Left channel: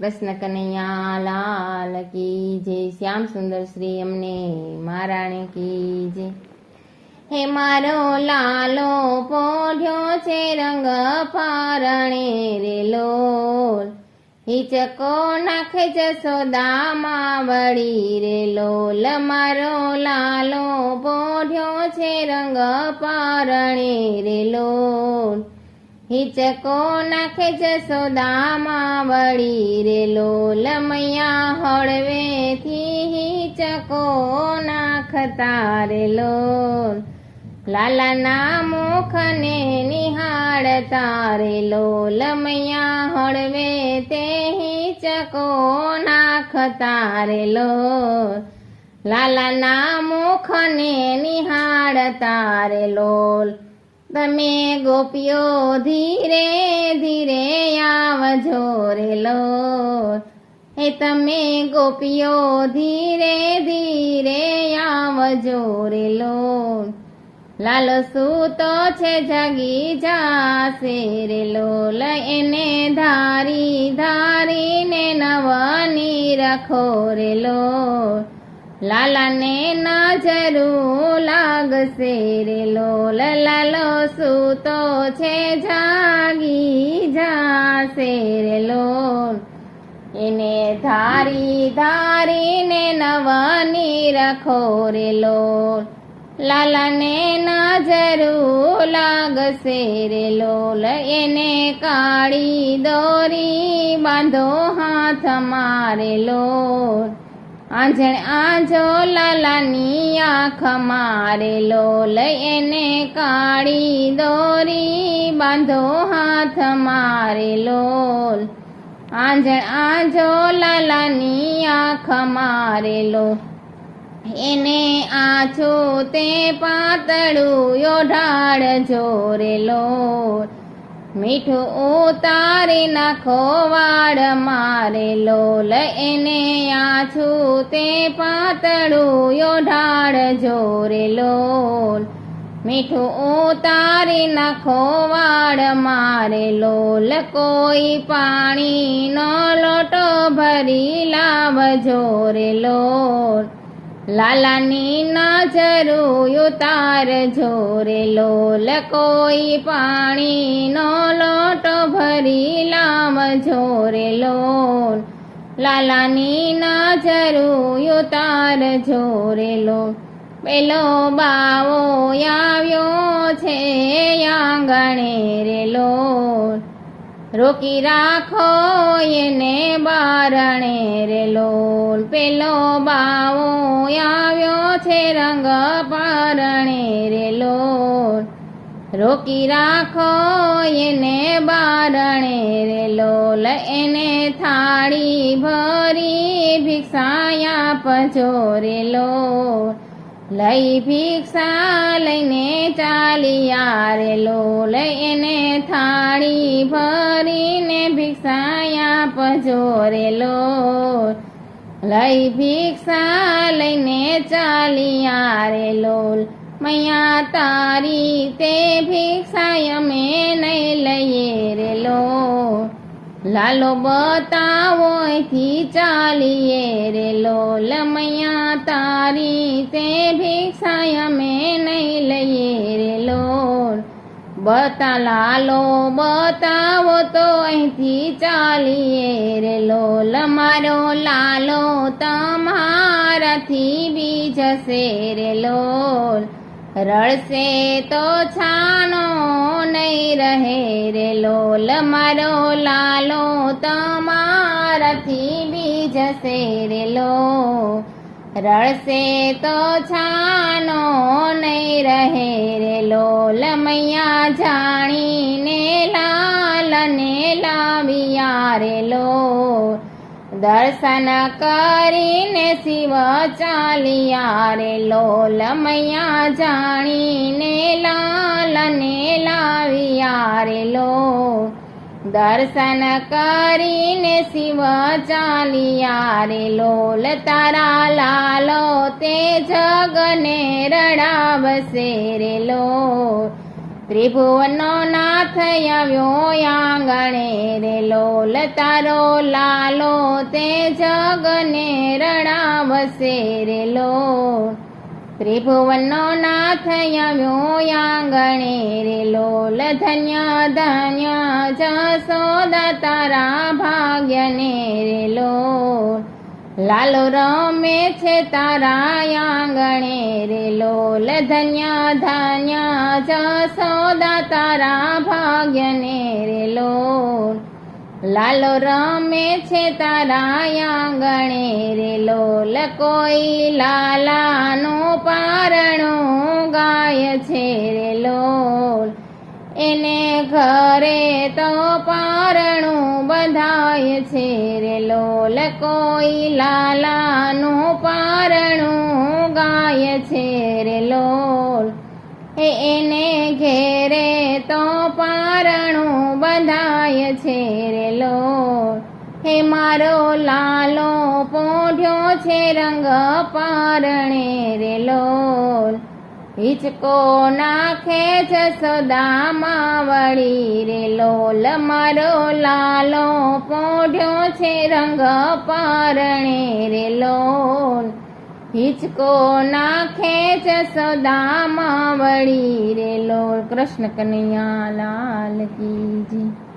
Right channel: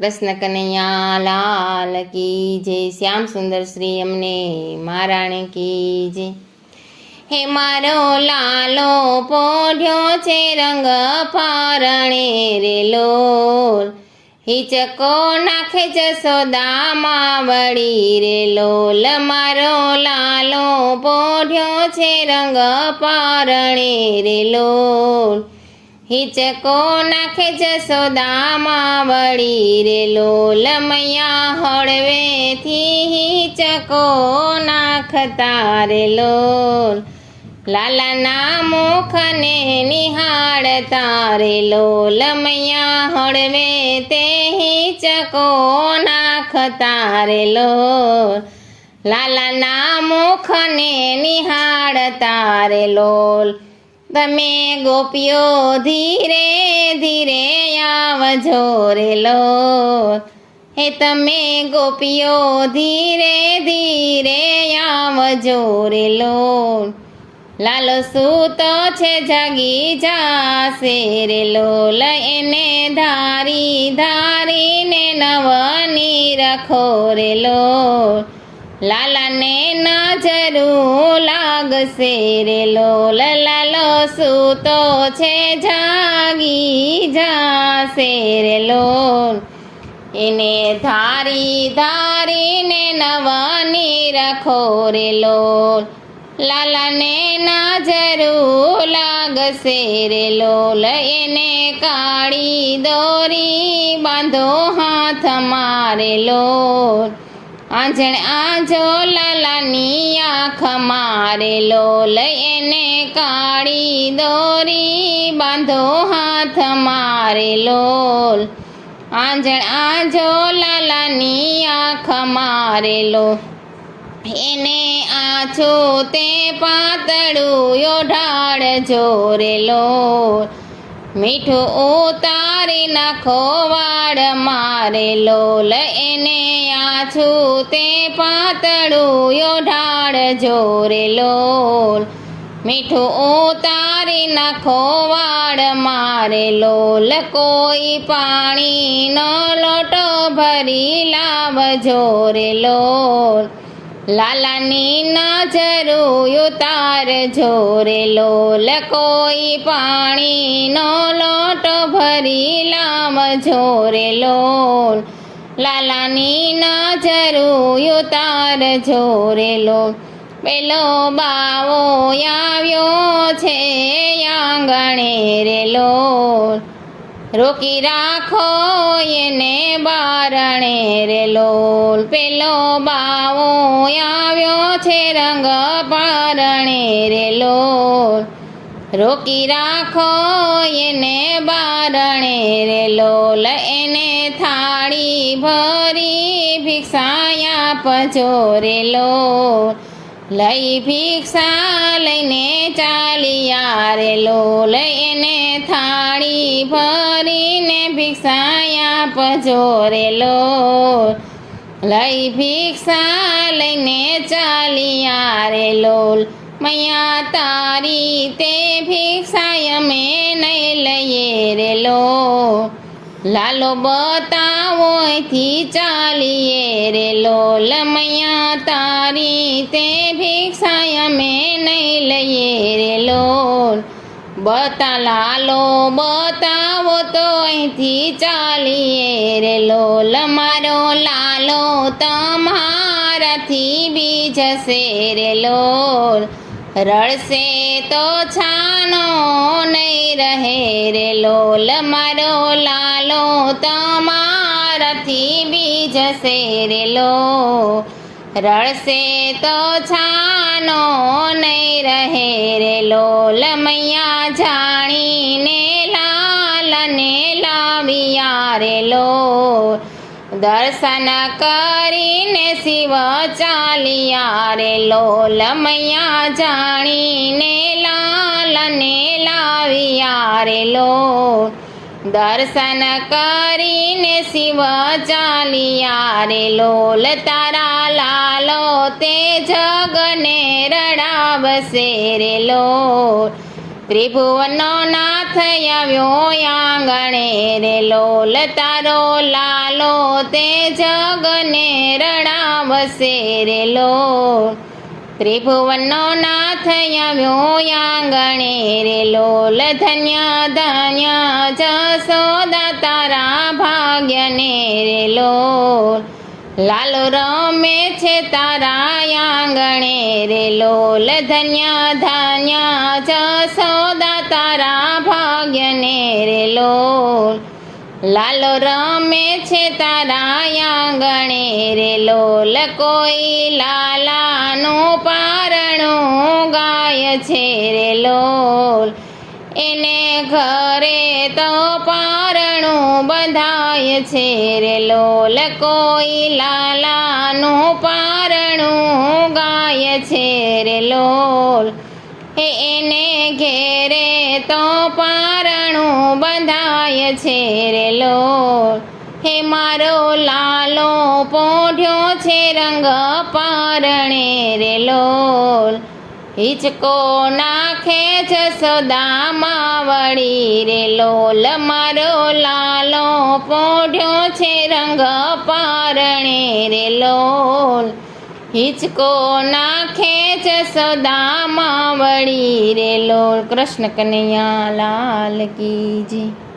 કૃષ્ણ કનૈયા લાલ કી જય, શ્યામ સુંદર શ્રી અમને મહારાણી કી જય। હે મારો લાલો પોઢ્યો છે રંગ પારણે રે લોલ, હિચકો નાખે જશોદામાં વળી રે લોલ। મારો લાલો પોઢ્યો છે રંગ પારણે રે લોલ, હિચકો નાખે જશોદામાં વળી રે લોલ। મૈયા હળવેથી હિચકો નાખતા રે લોલ, લાલાના મુખને નિહાળતા રે લોલ। મૈયા હળવે તે હિચકો નાખતા રે લોલ, લાલાના મુખને નિહાળતા રે લોલ। તમે ગોપીઓ ધીરે ધીરે આવજો રે લોલ, હે તમે ગોપીઓ ધીરે ધીરે આવજો રે લોલ। લાલો સૂતો છે જાગી જાશે રે લોલ, એને ધારી ધારીને નવની રાખો રે લોલ। લાલાને નજરું લાગશે રે લોલ, લાલો સૂતો છે જાગી જાશે રે લોલ, એને ધારી ધારીને નવની રાખો રે લોલ। લાલાને નજરું લાગશે રે લોલ, એને કાળી દોરી બાંધો હાથમાં રે લોલ। આંજણ આજો લાલાની આંખમાં રે લોલ, એને કાળી દોરી બાંધો હાથમાં રે લોલ। આંજણ આજો લાલાની આંખમાં રે લોલ, એને આછો તે પાતળું ઓઢાડજો રે લોલ। મીઠું ઉતારી નાખો વાળમાં રે લોલ, એને આછું તે પાતળું ઓઢાડજો રે લોલ। મીઠું ઉતારી નાખો વાળમાં રે લોલ, કોઈ પાણીનો લોટો ભરી લાવજો રે લોલ। લાલાની નજરું ઉતારજો રે લોલ, કોઈ પાણીનો લોટો ભરી લાવજો રે લોલ। લાલાની નજરું ઉતારજો રે લોલ। પેલો બાવો આવ્યો છે આંગણે રે લોલ, રોકી રાખો એને બારણે રે લોલ। પેલો બાવો આવ્યો છે રંગ પારણે રે લોલ, રોકી રાખો એને બારણે રે લોલ। એને થાળી ભરી ભિક્ષા આપજો રે લોલ, લઈ ભિક્ષા લઈને ચાલ્યા રે લોલ। એને થાળી ભરીને ભિક્ષા આપજો રે લોલ, લઈ ભિક્ષા લઈને ચાલ્યા રે લોલ। મૈયા તારી તે ભિક્ષા અમે નહીં લઈએ રે લોલ, લાલો બતાવો અહીંથી ચાલીએ રે લોલ। મૈયા તારી તે ભિક્ષા અમે નહીં લઈએ રે લોલ, લાલો બતાવો તો અહીંથી ચાલીએ રે લોલ। મારો લાલો તમારાથી બી જશે રે લોલ, રડશે તો છાનો નહીં રહે રે લોલ। મારો લાલો તમારાથી બી જશે રે લોલ, રડશે તો છાનો નહીં રહે રે લોલ। મૈયા જાણીને લાલને લાવ્યા રે લોલ, દર્શન કરીને શિવ ચાલ્યા રે લોલ। મૈયા જાણીને લાલને લાવ્યા રે લોલ, દર્શન કરીને શિવ ચાલ્યા રે લોલ। તારા લાલો તે જગને રડાવશે રે લોલ, ત્રિભુવનનો નાથ આવ્યો આંગણે રે લોલ તારો લાલો તે જગને રડાવશે રે લોલ ત્રિભુવનનો નાથ આવ્યો આંગણે રે લોલ ધન્ય ધન્ય જશોદા તારા ભાગ્યને રે લોલ લાલો રમે છે તારા આંગણે રે લોલ ધન્ય ધન્ય જશોદા તારા ભાગ્યને રે લોલ લાલો રમે છે તારા આંગણે રે લોલ કોઈ લાલાનું પારણું ગાય છે રે લોલ એને ઘરે તો પારણું બંધાય છે રે લોલ કોઈ લાલાનું પારણું ગાય છે રે લોલ એને ઘેરે તો પારણું બંધાય છે રે લોલ હે મારો લાલો પોઢ્યો છે રંગ પારણે રે લોલ હિચકો નાખે જશોદામાં વળી રે લોલ મારો લાલો પોઢ્યો છે રંગ પારણે રે લોલ હિચકો નાખે જશોદામાં વળી રે લોલ કૃષ્ણ કનૈયા લાલ કી જય.